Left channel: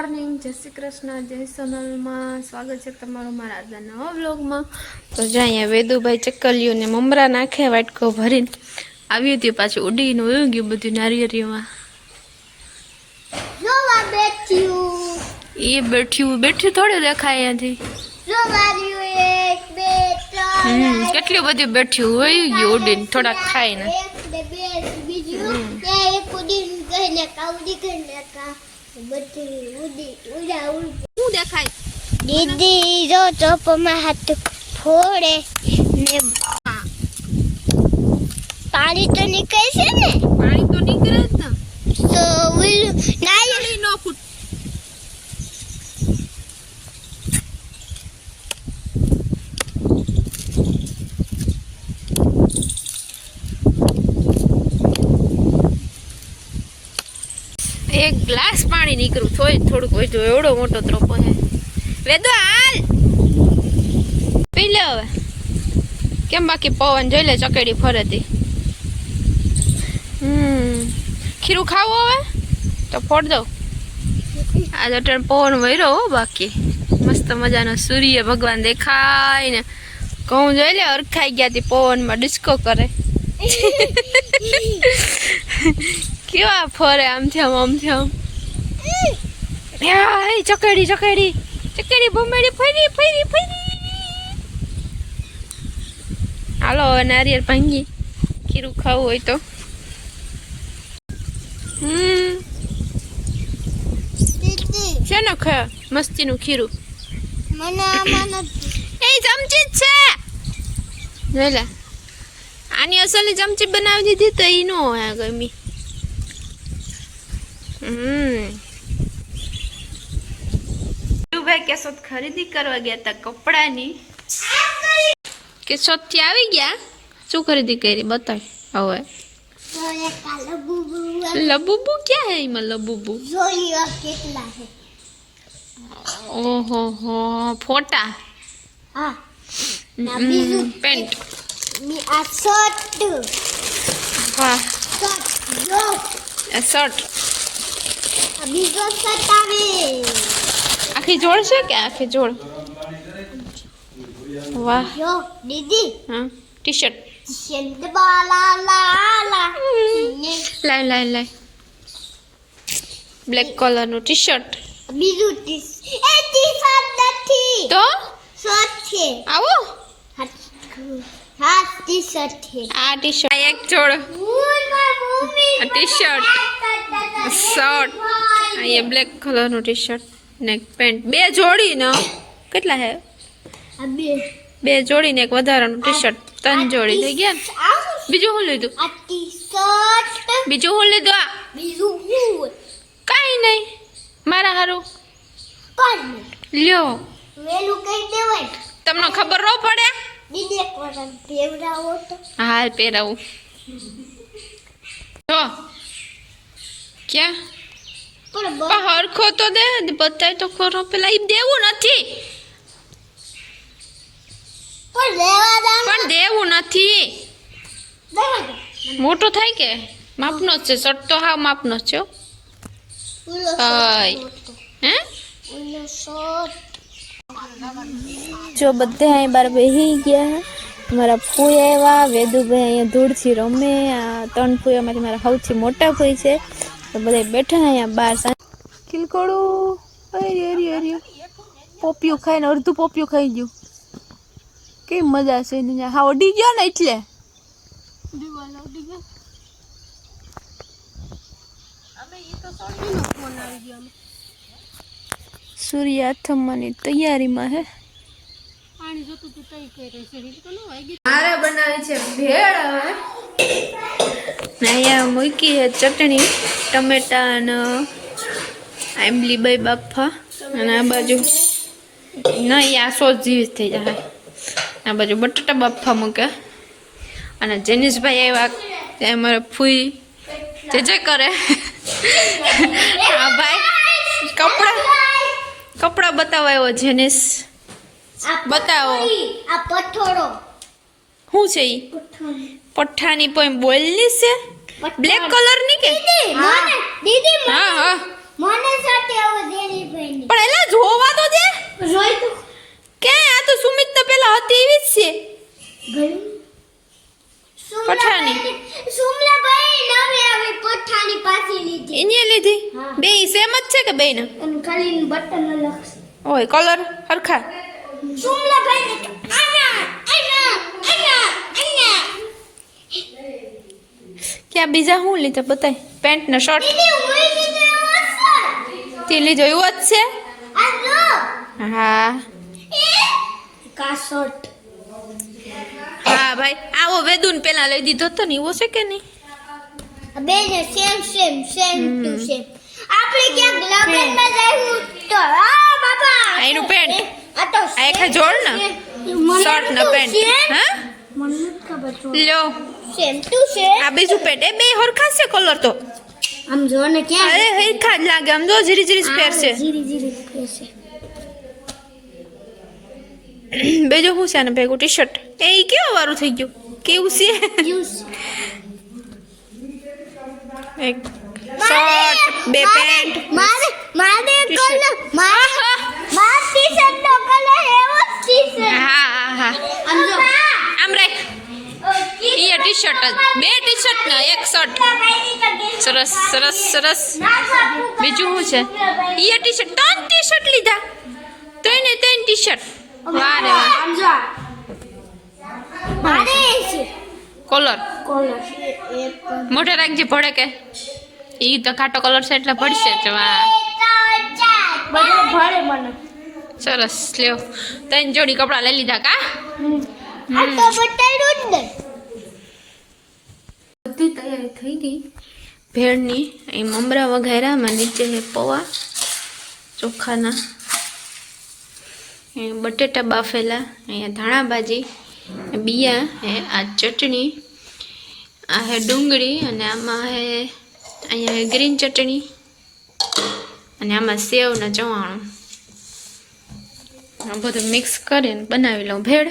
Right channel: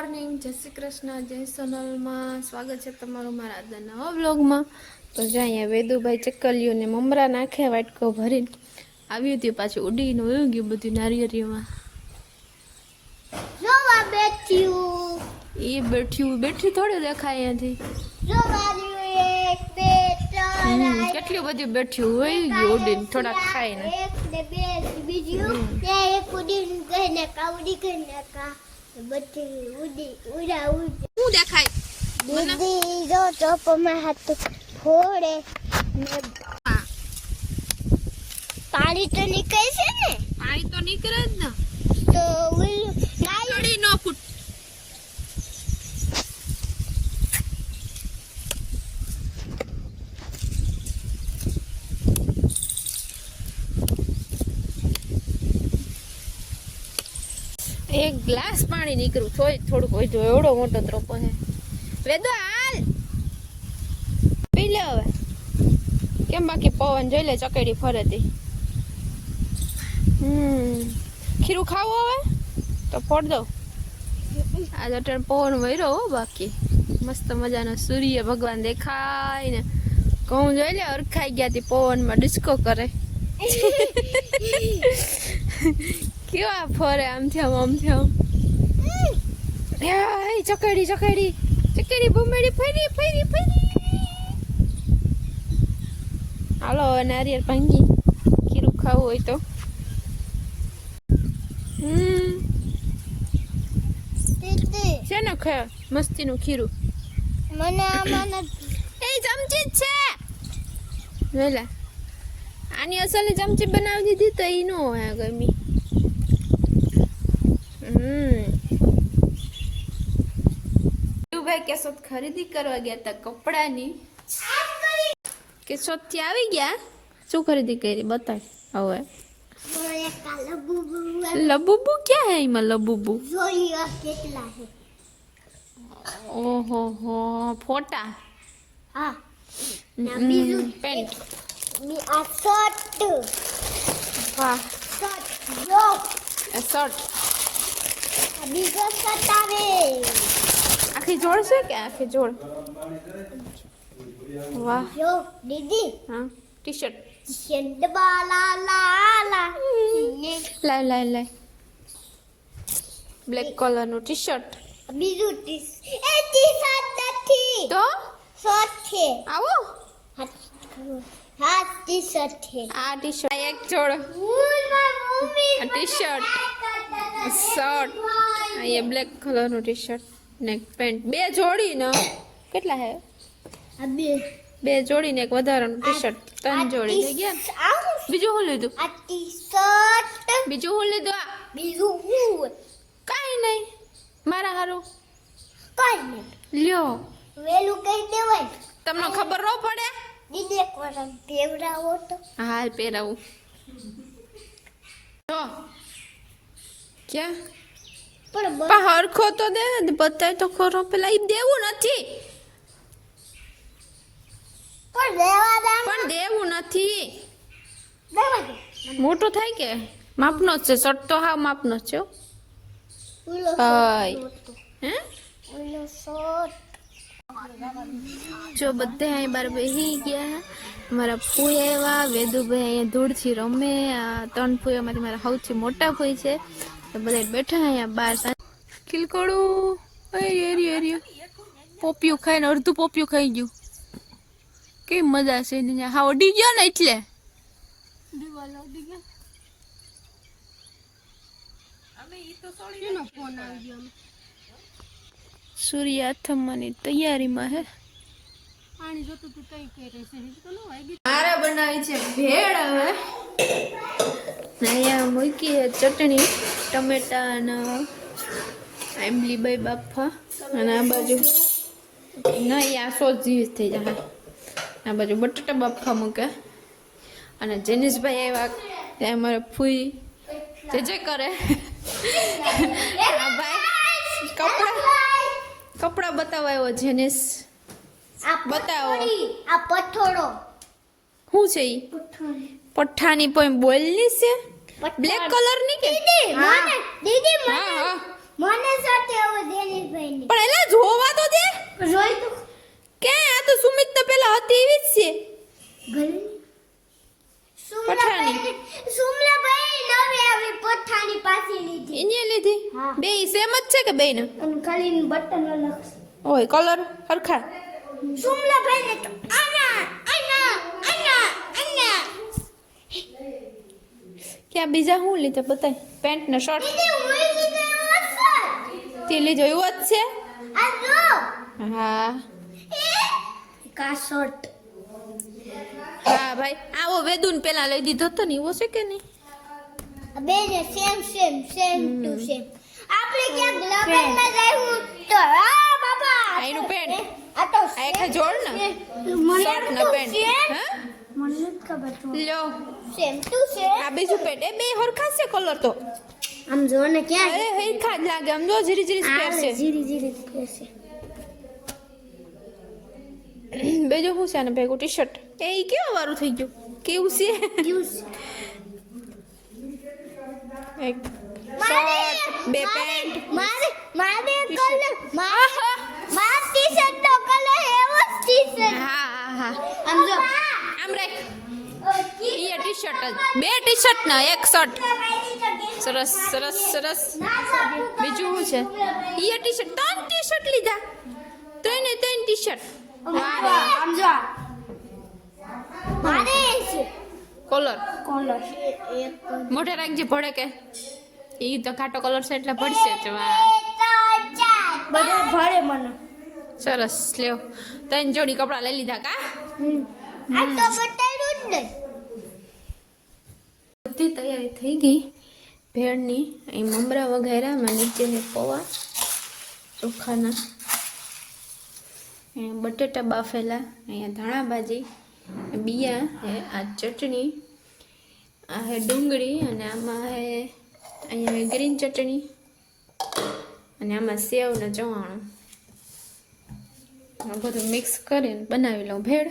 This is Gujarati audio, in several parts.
મોર્નિંગ, જય શ્રી કૃષ્ણ, જય સોનલમાં સ્વાગત છે તમારું મારા આજના નવા વ્લોગમાં. તો જ્યાં અહીંયા વેદુભાઈ ચક્કલિયું ને મમરા નાખે વાટકો ભરીને આવ્યું હતું, પાછું ઉડીને ઉયું ગયું બધું નારિયેળીમાં. એ બેઠ્યું થોડું દેખાય અહીંયાથી. કેટલું બધું બેઠ્યું ઉયું ગયું ઉડીને થોડાક ખાઈને. શું દેખાય દીદી જો ચોપમાં હાથ ફોડે ને પાણી તો નીકળે છે ને. પાણી તો નીકળે જ ને. તો ઓલું નારિયેળ નો ફૂટ. એક ગ્લાસ પાણી નીકળ્યું થોડુંક વધુ, એવડો મોટો ત્રોપો છે. વેદો હાલ પી લે હવે. કેમ બાકી પવન જોઈ લે ચકેડી ફરેતી. ખીરું ખાવું હવે તો ફોડ દઉં. આજ અટણ પવન વહેરો હો. બાકી મસ્ત મજાનો સૂર્ય ભગવાન દેખાય ને ઘઉં જોઈ લે અરખાઈ ગયા તી પવનમાં ડિસ્કો કરે. કેવા ફરે આમથી આમ ચકેડી બમેડી ફરી. હાલો હવે નારિયેળ ભાંગી ખીરું ખાવું હોય તો. છે ને ખા મસ્તીનું ખીરું. એ ચમચી જ છે. જોઈ લે આની અસલી ચમચી બનાવી દીધી તો એ નો હોય ગમી. ભાઈ કેશોદ ખરીદી કરવા ગયા હતા કપડાની. કેશોદ થી આવી ગયા. શું ખરીદી કરી બતાવ હવે. લબુબુ ક્યાં હે એમાં લબુબુ? કેટલા છે? ઓહો હો ફોટા. હા બીજું પેન્ટ. આ શર્ટ. હા શર્ટ શર્ટ. બીજો શર્ટ આવે. આખી જોડ છે કે આખી જોડ? વાહ. જો દીદી હા ટી શર્ટ. લાય બ્લેક કલર નું ટી શર્ટ. બીજું ટી શર્ટ નથી તો શર્ટ છે. આવો હા ટી શર્ટ છે. આ ટી શર્ટ એક જોડ. T shirt shirt. અહીંયા બ્લેક કલર નું ટી શર્ટ ને પેન્ટ. બે જોડી ને કેટલા હે? બે જોડી ને એક વધારાનું ટી શર્ટ. 3 જોડી થઈ ગયા ને. બીજું શું લીધું? આ ટી શર્ટ. બીજું શું લીધું? આ બીજું હું કાઈ નહીં મારા હારું કોણ લ્યો. વેલું કઈ દેવાય. તમને ખબર ન પડે? દીદી એક વાર પેવડાવો તો. હાલ પહેરાવું. તો ક્યાં પણ હરખો તો દે બતાય તો ખરો. પેલા ઈ દેવું નથી. પણ દેવું નથી. મોટો થાય કે માપનો જ છે. શર્ટ તો હા માપનો જ છે. હે જો બધે અહીં બાર બેસી ગયા. મારા ફૂઈ આવ્યા. વેદુભાઈ અહીંયા ધૂળથી રમે. આ 3 ફૂઈઓમાંથી મારા સૌથી મોટા ફૂઈ છે. તો બધા બેઠા અહીંયા બાર. ખીલકોડું એરિયો પોપિયું ખાઈને અડધું પોપિયું ખાઈ ગયું. કેવી મજા છે એની. હા ઉડી ગયો ને એટલે સૂર્ય આથમવાની તૈયારીમાં હે. મારે બનાવી છે ભેળ. હવે અહીંયા મૂકી છે ચટણી ટમેટા અને આંબલી બાઈ બાફા. અને આ બાજુ નહીં આ સોસ જેવી થઈ જાય. આ બાજુ બટાટા બાફા મૂકે. અને જેનિશભાઈ આવ્યા ત્યાં મારે ફૂઈ જે કરે. આ ભાઈ કપડા બતાવો આવ્યો. જેનિશ બતાવો. આ પઠોરો શું છે ઈ? પઠ્ઠાની પોઈમ બોલની છે. બ્લેક કલર ની કે? દીદી હા હા મને સાથે હવે દેની પડી પણ એટલે જોવા તો દે રોઈ તો ક્યાં આ તો સુમિત તો પેલા હતી એવી જ છે ગઈ પઠાણી. સુમલા ભાઈ નવી આવી પઠાણી પાછી લીધી એને લીધી હા. બે સેમ જ છે કે બેના અને ખાલી બટન અલગ છે ઓય કલર હરખા સુમલા ભાઈ ને આના આના આના આના ક્યાં બીજા હું લીધા બતાય પેન્ટ ને શર્ટ દીદી હું લીધો અસર તે લીધો એવો જ છે આ જો હા કા શર્ટ હા ભાઈ આવો વેદુન પેલા લઈ દીધો તો ને એવો છે કે નહીં બે ને સેમ ટુ સેમ આપણે ક્યાં લગનમાં જઈશું તો આ બાપા આ એનું પેન્ટ આ તો આ એક જોડ ને શર્ટ ને પેન્ટ હા મને નથી ખબર તો લ્યો સેમ ટુ સેમ આ બીજું પેન્ટ એ બે હરખા છે કલર તો આમ જો ને ક્યાં અરે હરખા જ લાગે આમ જો જીરી જીરી સ્પેર છે જીરી જીરી પહેરશે બીજું શું છે આને ભેગું ટી શર્ટ એ ઈ કેવું વારું થઈ ગયું કેવું છે યુઝ એક શર્ટ બે પેન્ટ મારે T-shirt. કલર મારે ટી-શર્ટ નો કલર એવો જ ટી-શર્ટ હા હા હા આમ જો આમ રાખ ઈ ટી શર્ટ જ બે ટી શર્ટ ને એક શર્ટ સરસ સરસ સરસ બીજું શું છે ઈ ટી શર્ટ ત્રણ ટી શર્ટ લીધા ત્રણે ત્રણ ટી શર્ટ વાહ રે વાહ આમ જો મારે છે કલર કલર એક મોઢે રાખજે ભડે કે ઈ તો ખાટો કલર છે એટલે ભડશે જ વાહ બધું ભરે મને સરસ લ્યો ત્રણ જોડી કપડાં લઈ લીધા કા આ તો બટાડું જ ને બધી તૈયારી થઈ ગઈ ભેળની અહીં મમરા વઘાર્યામાં નીચે છે પૌવા ચોખાના અહીં બટેટા બાફેલા અહીંયા ધાણા ભાજી બિયા હે આ ચટણી આ હે ડુંગળી અને આમાં હે અહીંયા હે ગ્રીન ચટણી અને આમાં સેવ ને ચવાણું આ બધું મિક્સ કરીને બનાવી લઉં ભેળ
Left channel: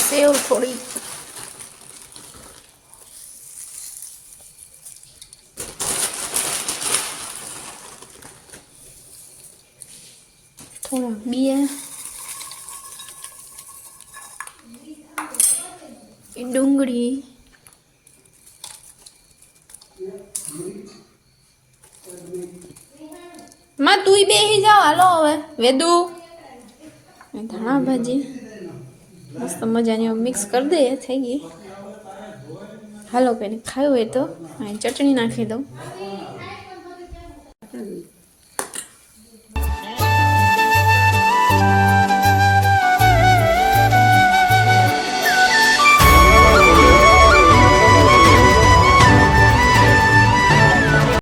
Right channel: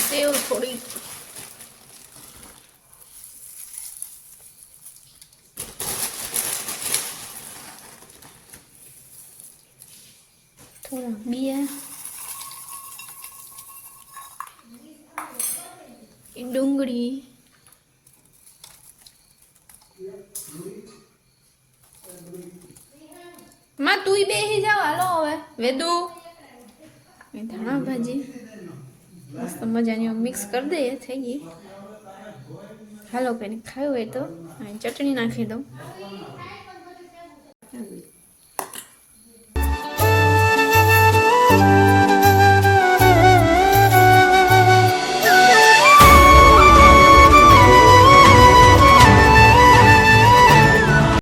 સેવ થોડી થોડું બિયા ડુંગળી માં તું બેસી જાવ હાલો હવે વેદુ ધાણા ભાજી મસ્ત મજાની મિક્સ કરી દઈએ થઈ ગઈ હાલો કંઈ ખાવું હોય તો અહીં ચટણી નાખી દઉં